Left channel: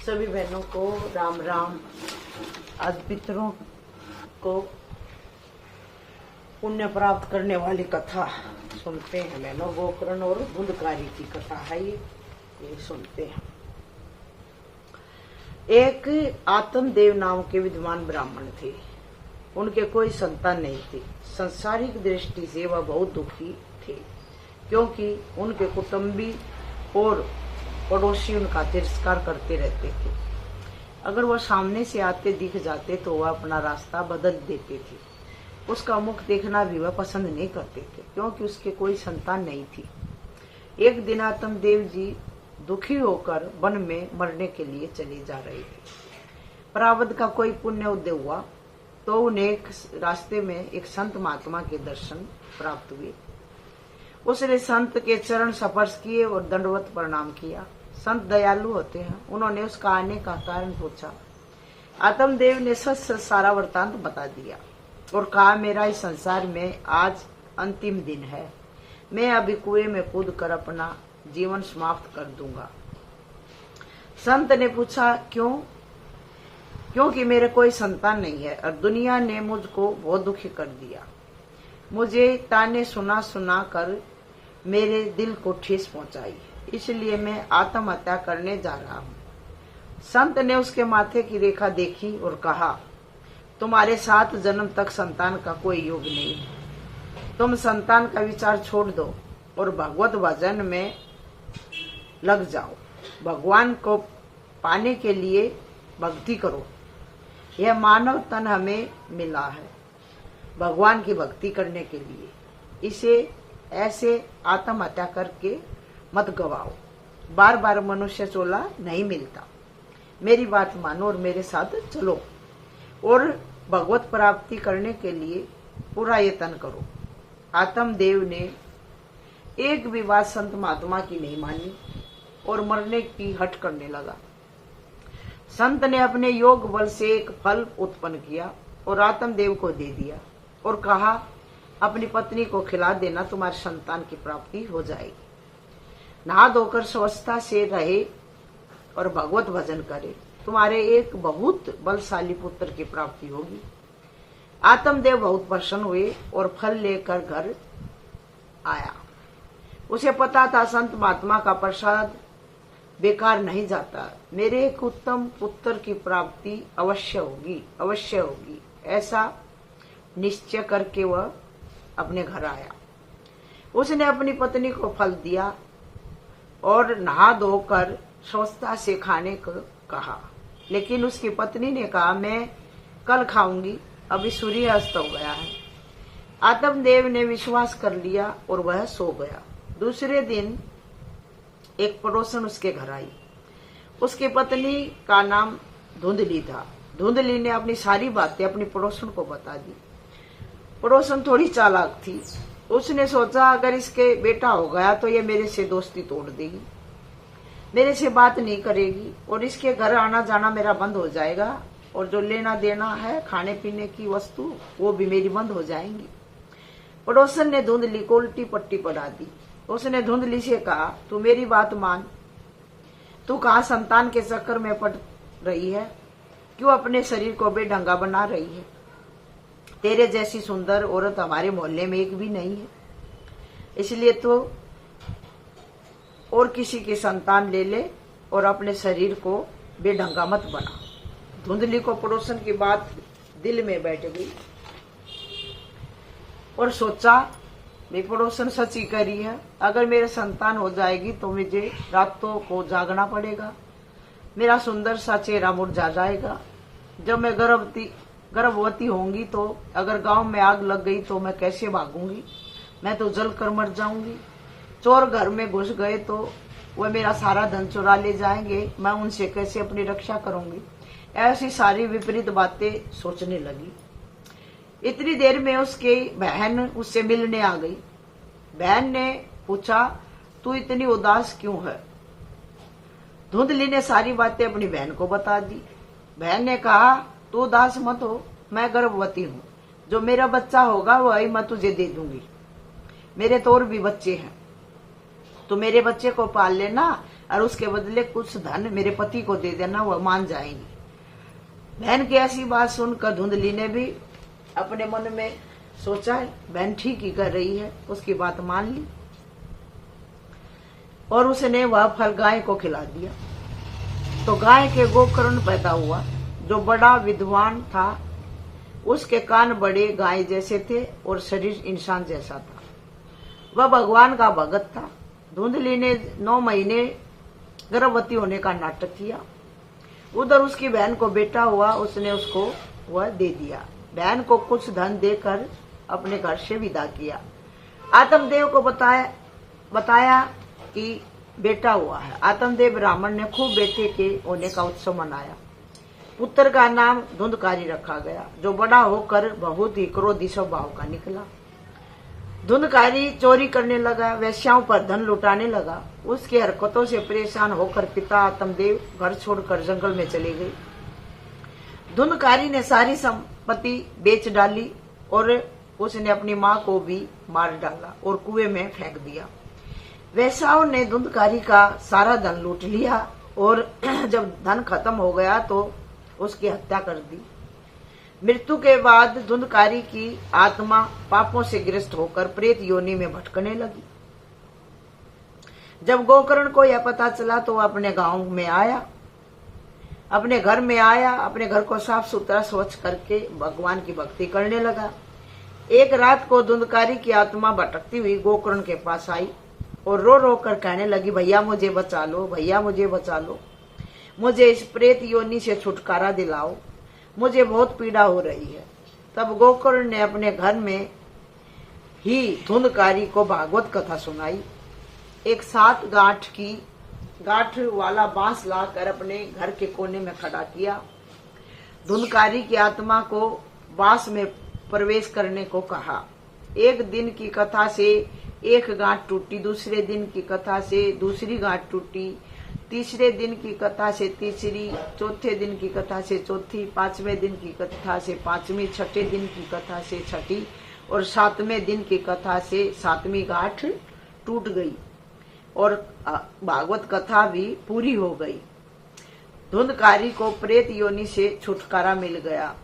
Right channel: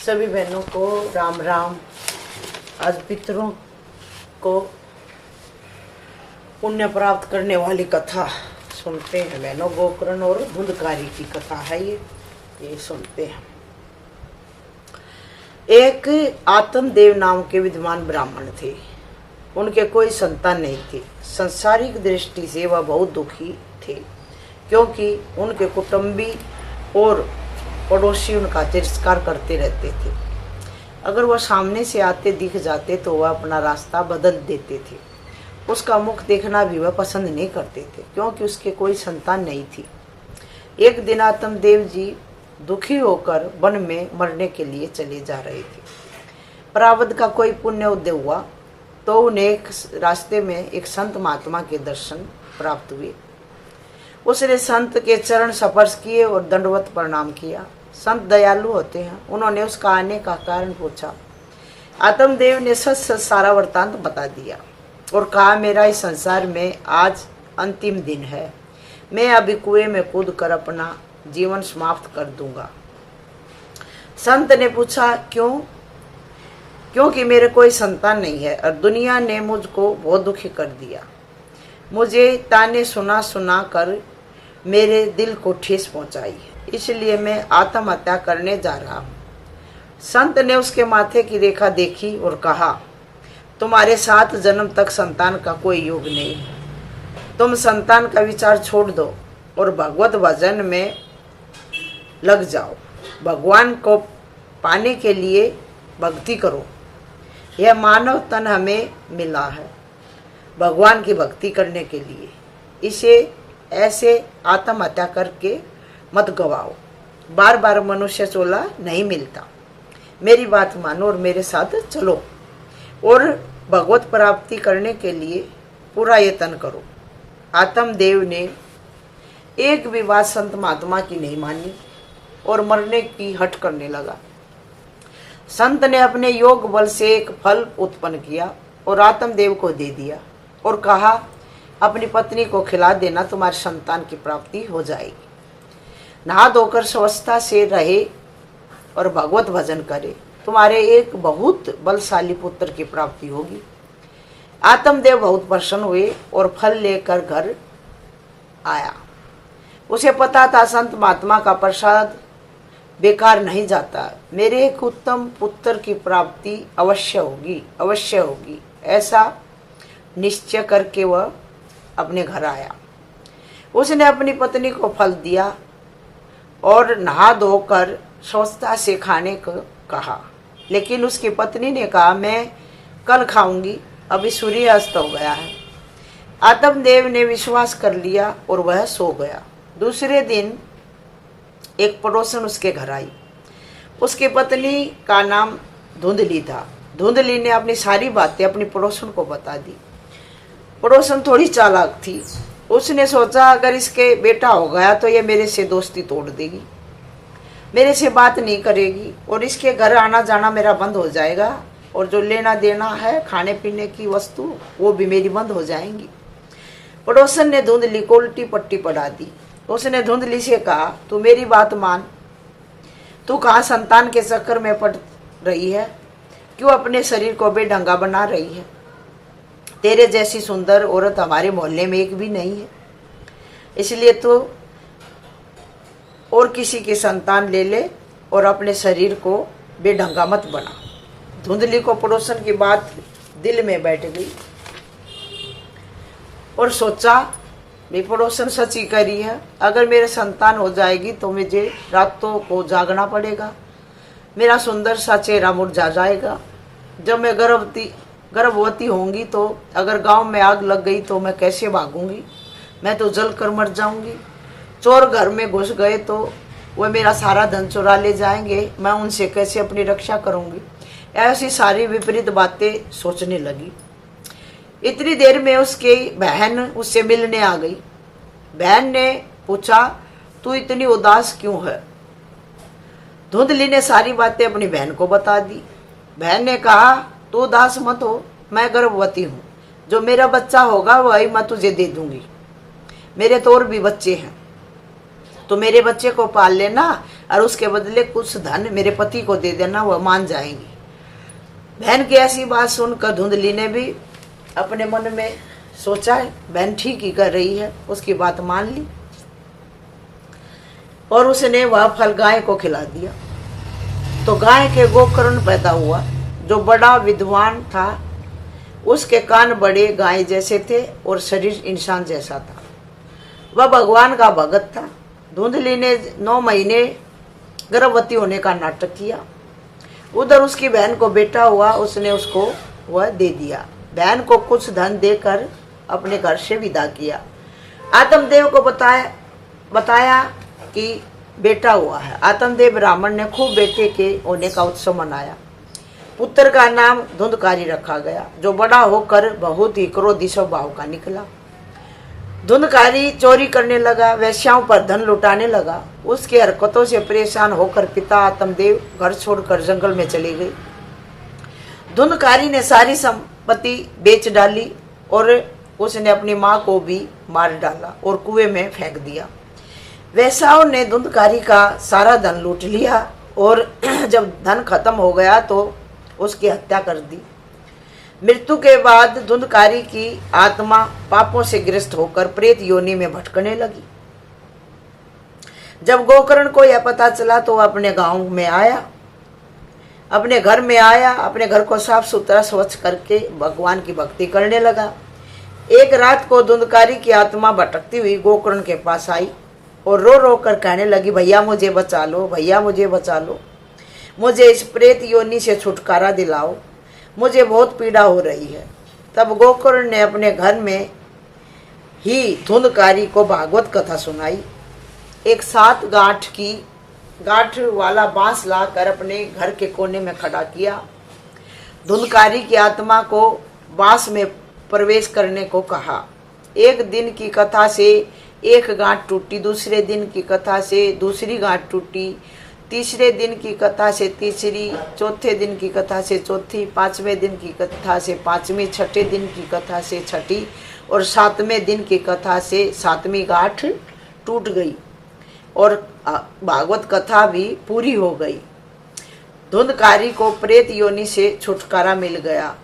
सभी बहनों को राम राम। आज पितरों को पुण्य प्राप्त करने वाली कथा सुनते हैं बहनों। गोकर्ण और धुंधकारी की कथा है ये सुनते हैं। एक आत्मदेव नाम के विद्वान ब्राह्मण थे। उनके कोई संतान नहीं थी। सांसारिक दृष्टि से वह बहुत दुखी थे, क्योंकि उनके कुटुंबी और पड़ोसी उनका तिरस्कार करते रहते थे। अगर वह सामने से आते दिख जाते तो वह अपना रास्ता बदल देते थे। उसका मुख देखना भी वह पसंद नहीं करते थे, क्योंकि उसके कोई संतान नहीं थी। एक दिन आत्मदेव जी दुखी होकर वन में मरने के लिए चले जा रहे थे। प्रारब्ध का कोई पुण्य उदय हुआ तो उन्हें एक रास्ते में एक संत महात्मा के दर्शन प्राप्त हुए। उसने संत के चरण स्पर्श किए और दंडवत प्रणाम किया। संत दयालु होते हैं। उन्होंने उसका आने का कारण पूछा। आत्मदेव ने सच सच सारा वृत्तांत बता दिया और कहा, मेरा इस संसार में आज अंतिम दिन है। मैं अभी कुएं में कूद कर अपना जीवन समाप्त कर दूंगा। संत ने पूछा, क्यों? क्योंकि मेरे कोई संतान नहीं है और दुनिया ने मुझको बहुत दुखी कर दिया। मुझे ताने सुना सुना कर मेरे दिल को ठेस पहुंचाई है, इसलिए मैं आत्महत्या करने जा रहा हूँ। संत ने उसके माथे की रेखा देखी और कहा, तुम्हारे 7 जन्म तक संतान का कोई योग नहीं है। तुम संतान का विचार छोड़ दो और भगवत भजन में लग जाओ। भगवान को पाने के लिए भक्ति करो। यह मानव तन हमें मिला है भगवान की भक्ति करने के लिए। इसे ऐसे आत्महत्या करके मत गवाओ। बार बार मनुष्य चोला नहीं मिलता। मेरी बात मानो और मेरे साथ चलो और भगवत प्राप्ति करने के लिए पूरा यत्न करो। आत्मदेव ने एक भी बात संत महात्मा की नहीं मानी और मरने की हट करने लगा। संत ने अपने योग बल से एक फल उत्पन्न किया और आत्मदेव को दे दिया और कहा, अपनी पत्नी को खिला देना, तुम्हारी संतान की प्राप्ति हो जाएगी। नहा धोकर स्वस्थता से रहे और भगवत भजन करे, तुम्हारे एक बहुत बलशाली पुत्र की प्राप्ति होगी। आत्मदेव बहुत प्रसन्न हुए और फल लेकर घर आया। उसे पता था संत महात्मा का प्रसाद बेकार नहीं जाता। मेरे एक उत्तम पुत्र की प्राप्ति अवश्य होगी। ऐसा निश्चय करके वह अपने घर आया। उसने अपनी पत्नी को फल दिया और नहा धोकर स्वस्थता से खाने को कहा, लेकिन उसकी पत्नी ने कहा, मैं कल खाऊंगी, अभी सूर्यास्त हो गया है। आत्मदेव ने विश्वास कर लिया और वह सो गया। दूसरे दिन एक पड़ोसन उसके घर आई। उसकी पत्नी का नाम धुंधली था। धुंधली ने अपनी सारी बातें अपनी पड़ोसन को बता दी। पड़ोसन थोड़ी चालाक थी। उसने सोचा, अगर इसके बेटा हो गया तो ये मेरे से दोस्ती तोड़ देगी, मेरे से बात नहीं करेगी और इसके घर आना जाना मेरा बंद हो जाएगा और जो लेना देना है खाने पीने की वस्तु वो भी मेरी बंद हो जाएंगी। पड़ोसन ने धुंधली को उल्टी पट्टी पढ़ा दी। उसने धुंधली से कहा, तू मेरी बात मान। तू कहाँ संतान के चक्कर में पड़ रही है? क्यों अपने शरीर को बेढंगा बना रही है? तेरे जैसी सुंदर औरत हमारे मोहल्ले में एक भी नहीं है, इसलिए तो और किसी की संतान ले ले और अपने शरीर को बेढंगा मत बना। धुंधली को पड़ोसन की बात दिल में बैठ गई और सोचा, मेरी पड़ोसन सच ही करी है। अगर मेरे संतान हो जाएगी तो मुझे रातों को जागना पड़ेगा, मेरा सुंदर सा चेहरा मुरझा जाएगा। जब मैं गर्भवती होंगी तो अगर गांव में आग लग गई तो मैं कैसे भागूंगी? मैं तो जल कर मर जाऊंगी। चोर घर में घुस गए तो वह मेरा सारा धन चुरा ले जाएंगे, मैं उनसे कैसे अपनी रक्षा करूंगी? ऐसी सारी विपरीत बातें सोचने लगी। इतनी देर में उसकी बहन उससे मिलने आ गई। बहन ने पूछा, तू इतनी उदास क्यों है? धुंधली ने सारी बातें अपनी बहन को बता दी। बहन ने कहा, तू उदास मत हो, मैं गर्भवती हूँ। जो मेरा बच्चा होगा वही मैं तुझे दे दूंगी। मेरे तो और भी बच्चे हैं, तो मेरे बच्चे को पाल लेना और उसके बदले कुछ धन मेरे पति को दे देना, वह मान जाएंगी। बहन की ऐसी बात सुनकर धुंधली ने भी अपने मन में सोचा है बहन ठीक ही कर रही है, उसकी बात मान ली और उसने वह फल गाय को खिला दिया। तो गाय के गोकर्ण पैदा हुआ। जो बड़ा विद्वान था, उसके कान बड़े गाय जैसे थे और शरीर इंसान जैसा था। वह भगवान का भगत था। धुंधली ने 9 महीने गर्भवती होने का नाटक किया। उधर उसकी बहन को बेटा हुआ, उसने उसको वह दे दिया। बहन को कुछ धन देकर अपने घर से विदा किया। आत्मदेव को बताया कि बेटा हुआ है। आत्मदेव ब्राह्मण ने खूब बेटे के होने का उत्सव मनाया। पुत्र का नाम धुंधकारी रखा गया, जो बड़ा होकर बहुत ही क्रोधी स्वभाव का निकला। धुंधकारी चोरी करने लगा, वेश्याओं पर धन लुटाने लगा। उसकी हरकतों से परेशान होकर पिता आत्मदेव घर छोड़कर जंगल में चले गए। धुंधकारी ने सारी संपत्ति बेच डाली और उसने अपनी माँ को भी मार डाला और कुएं में फेंक दिया। वेश्याओं ने धुंधकारी का सारा धन लूट लिया और जब धन खत्म हो गया तो उसकी हत्या कर दी। मृत्यु के बाद धुंधकारी की आत्मा पापों से ग्रस्त होकर प्रेत योनि में भटकने लगी। जब गोकर्ण को यह पता चला तो वह अपने गांव में आया, अपने घर में आया, अपने घर को साफ सुथरा स्वच्छ करके भगवान की भक्ति करने लगा। एक रात को धुंधकारी की आत्मा भटकती हुई गोकर्ण के पास आई और रो रो कर कहने लगी, भैया मुझे बचा लो, भैया मुझे बचा लो, मुझे इस प्रेत योनि से छुटकारा दिलाओ, मुझे बहुत पीड़ा हो रही है। तब गोकर्ण ने अपने घर में ही धुंधकारी को भागवत कथा सुनाई। एक 7 गांठ वाला बांस लाकर अपने घर के कोने में खड़ा किया। धुंधकारी की आत्मा को बांस में प्रवेश करने को कहा। एक दिन की कथा से एक गांठ टूटी, दूसरे दिन की कथा से दूसरी गांठ टूटी, तीसरे दिन की कथा से तीसरी, चौथे दिन की कथा से चौथी, 5वें दिन की कथा से 5वीं, 6ठे दिन की कथा से 6ठी और 7वें दिन की कथा से 7वीं गांठ टूट गई और भागवत कथा भी पूरी हो गई। धुंधकारी को प्रेत योनि से छुटकारा मिल गया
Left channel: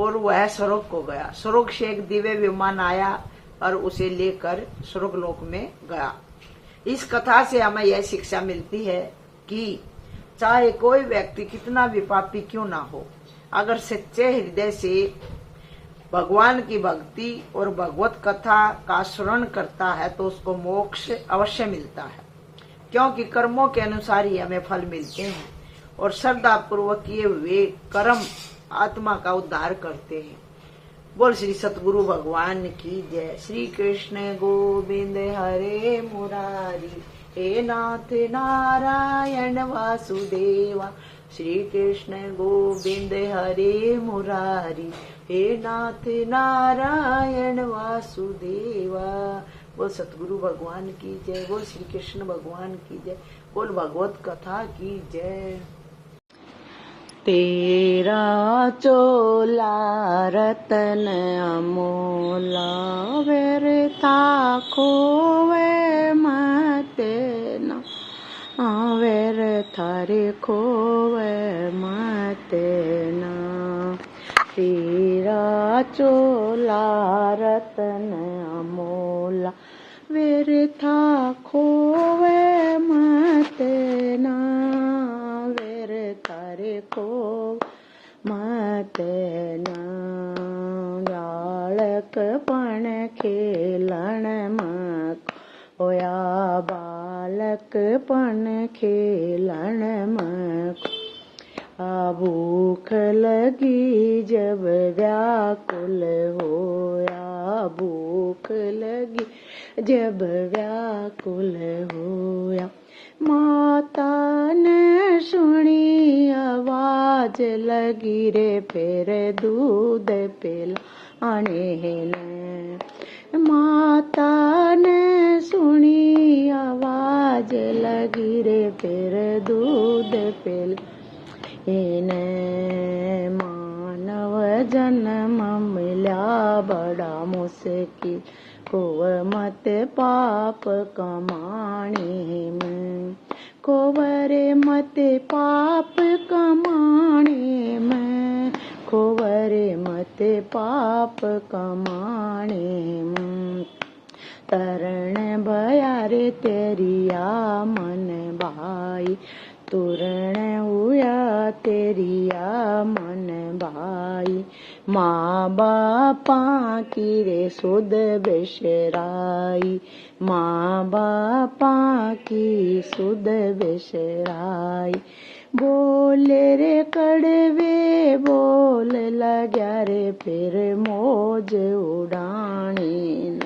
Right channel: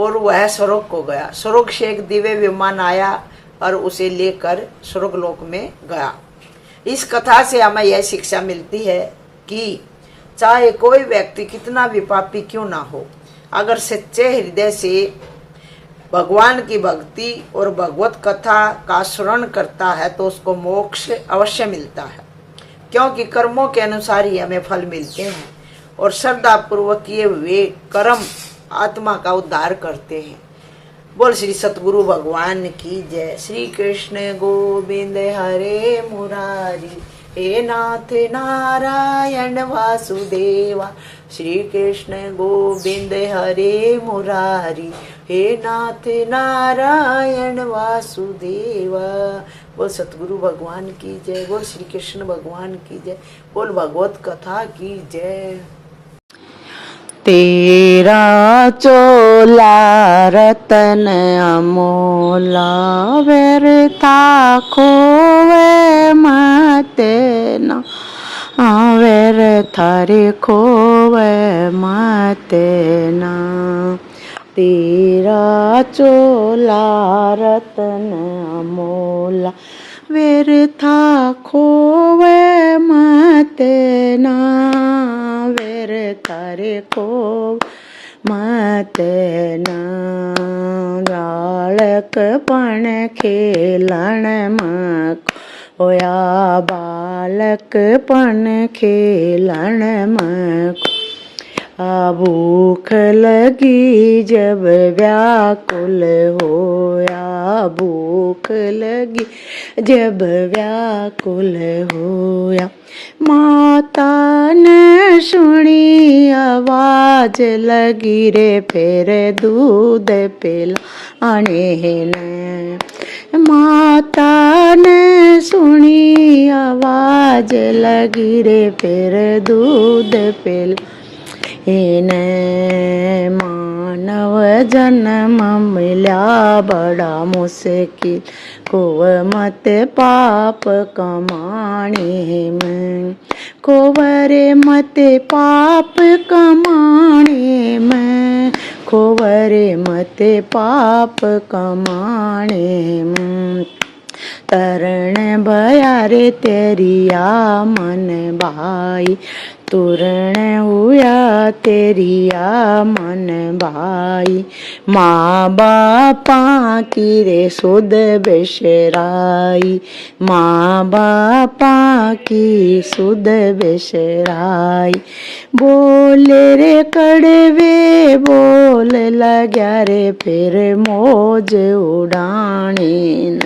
और वह स्वर्ग को गया। स्वर्ग से एक दिव्य विमान आया और उसे लेकर स्वर्गलोक में गया। इस कथा से हमें यह शिक्षा मिलती है कि चाहे कोई व्यक्ति कितना भी पापी क्यों ना हो, अगर सच्चे हृदय से भगवान की भक्ति और भगवत कथा का श्रवण करता है तो उसको मोक्ष अवश्य मिलता है, क्योंकि कर्मों के अनुसार ही हमें फल मिलते हैं और श्रद्धा पूर्वक किए हुए कर्म आत्मा का उद्धार करते हैं। बोल श्री सतगुरु भगवान की जय। श्री कृष्ण गोविंद हरे मुरारी, हे नाथ नारायण वासुदेवा। श्री कृष्ण गोविंद हरे मुरारी, हे नाथ नारायण वासुदेवा। बोल सतगुरु भगवान की जय, बोल श्री कृष्ण भगवान की जय, बोल भगवत कथा की जय। तेरा चोला रतन अमोला, व्यर्था खोवे मत ना, व्यर्था रे खोवे मत ना। तेरा चोला रतन अमोला, व्यर्था खोवे मत ना, व्यर्था रे खोवे मत ना। बालक पण खेलण मको, होया बालक पण खेलण मको। भूख लगी जब व्याकुल होया, भूख लगी जब व्याकुल होया। माता ने सुनी आवाज लगी रे, फिर दूध पिलाने ने। माता ने सुनी आवाज लगी रे, फिर दूध पिलाने। मानव जन्म मिला बड़ा मुश्किल, खोव मत पाप कमाने में, खोवरे मत पाप कमाने में, खोवरे मत पाप कमाने में। तरण भया रे तेरिया मन भाई, तुरण हुआ तेरिया मन भाई। माँ बापा की रे सुध बेशराई, माँ बापा की सुध बेशराई। बोले रे कड़वे बोल लग्या रे फिर मौज उड़ानी,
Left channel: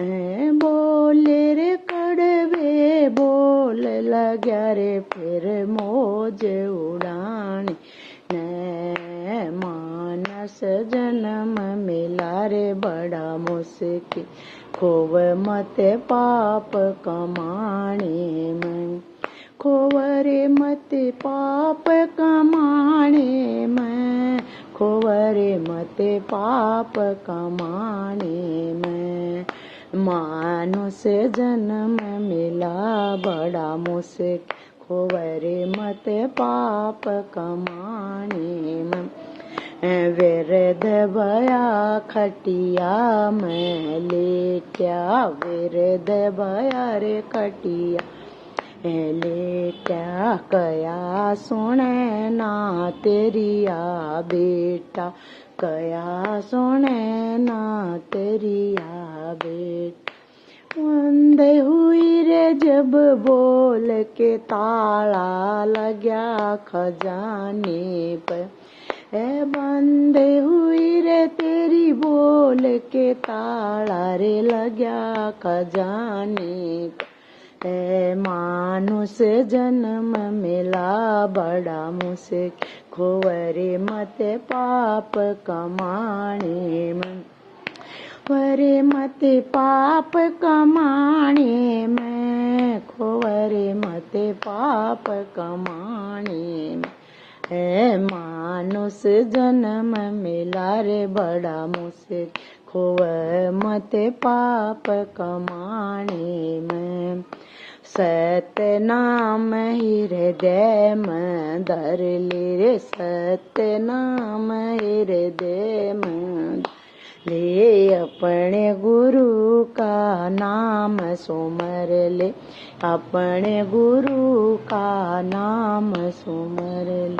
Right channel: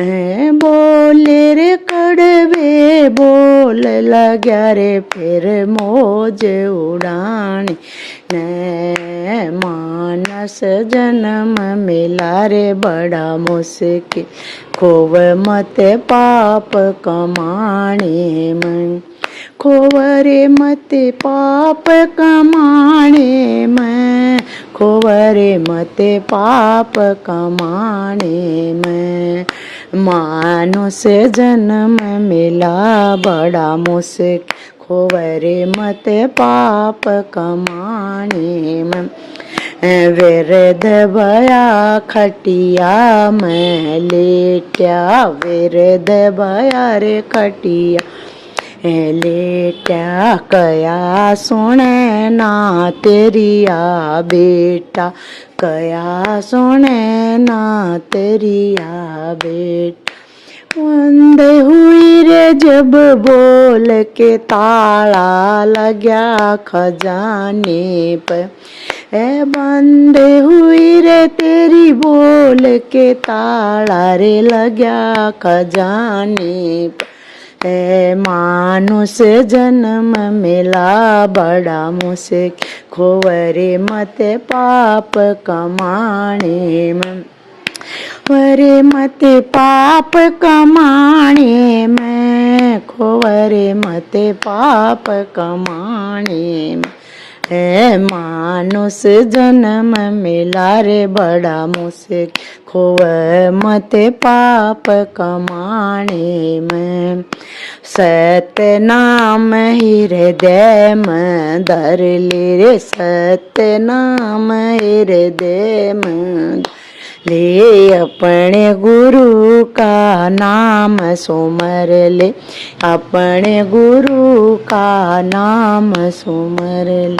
बोले रे कड़वे बोल लग्या रे फिर मौज उड़ानी। न मानस जन्म मिला रे बड़ा मुश्किल, खोव मत पाप कमाने में, खोवरे मत पाप कमाने में, खोवरे मत पाप कमाने में। मानुष जन्म मिला बड़ा मुश्किल, खोवरे मत पाप कमाने में। विरध भया खटिया में लेट्या, विरध भया रे खटिया लेट्या। कया सुने ना तेरिया बेटा, कया सुने ना तेरिया बेटा। बंद हुई रे जब बोल के ताला लग्या खजाने पर, बंद हुई रे तेरी बोल के ताला रे लग्या खजाने पर। मानुष जन्म मिला बड़ा मुश्किल, खोवरे मत पाप कमाने में, खोवरे मत पाप कमाने में, खोवरे मत पाप कमाने में। मानुष जन्म मिला रे बड़ा मुश्किल, खोव मत पाप कमाने में। सत्य नाम हृदय में धर ले रे, सत्य नाम हृदय में ले। अपने गुरु का नाम सुमर ले, अपने गुरु का नाम सुमर ले।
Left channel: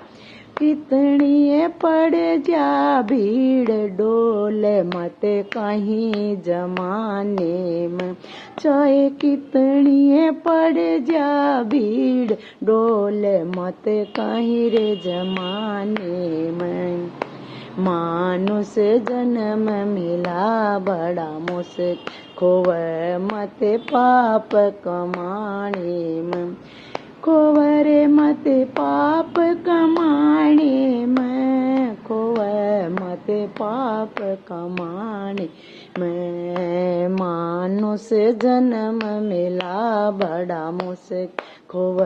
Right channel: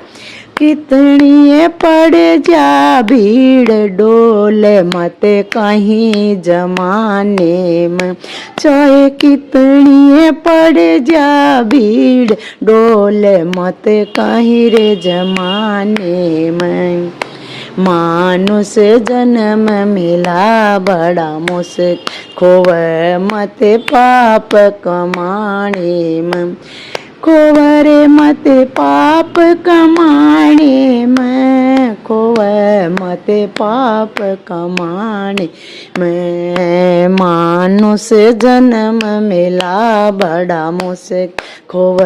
कितनी पड़ जा भीड़ डोल मत कहीं जमाने में, चाहे कितनी पड़ जा भीड़ डोल मत कहीं रे जमाने में। मानुष जन्म मिला बड़ा मुश्किल, खोव मत पाप कमाने में, खोवरे मत पाप कमाने में, खोव मत पाप कमाने में। मानुष जन्म मिला बड़ा मुश्किल, खोव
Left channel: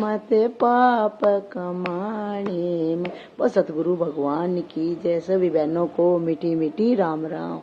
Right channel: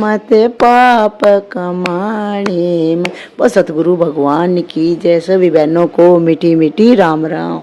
मत पाप कमाने में। बस सतगुरु भगवान की जय। सभी बहनों को मीठी मीठी राम राम।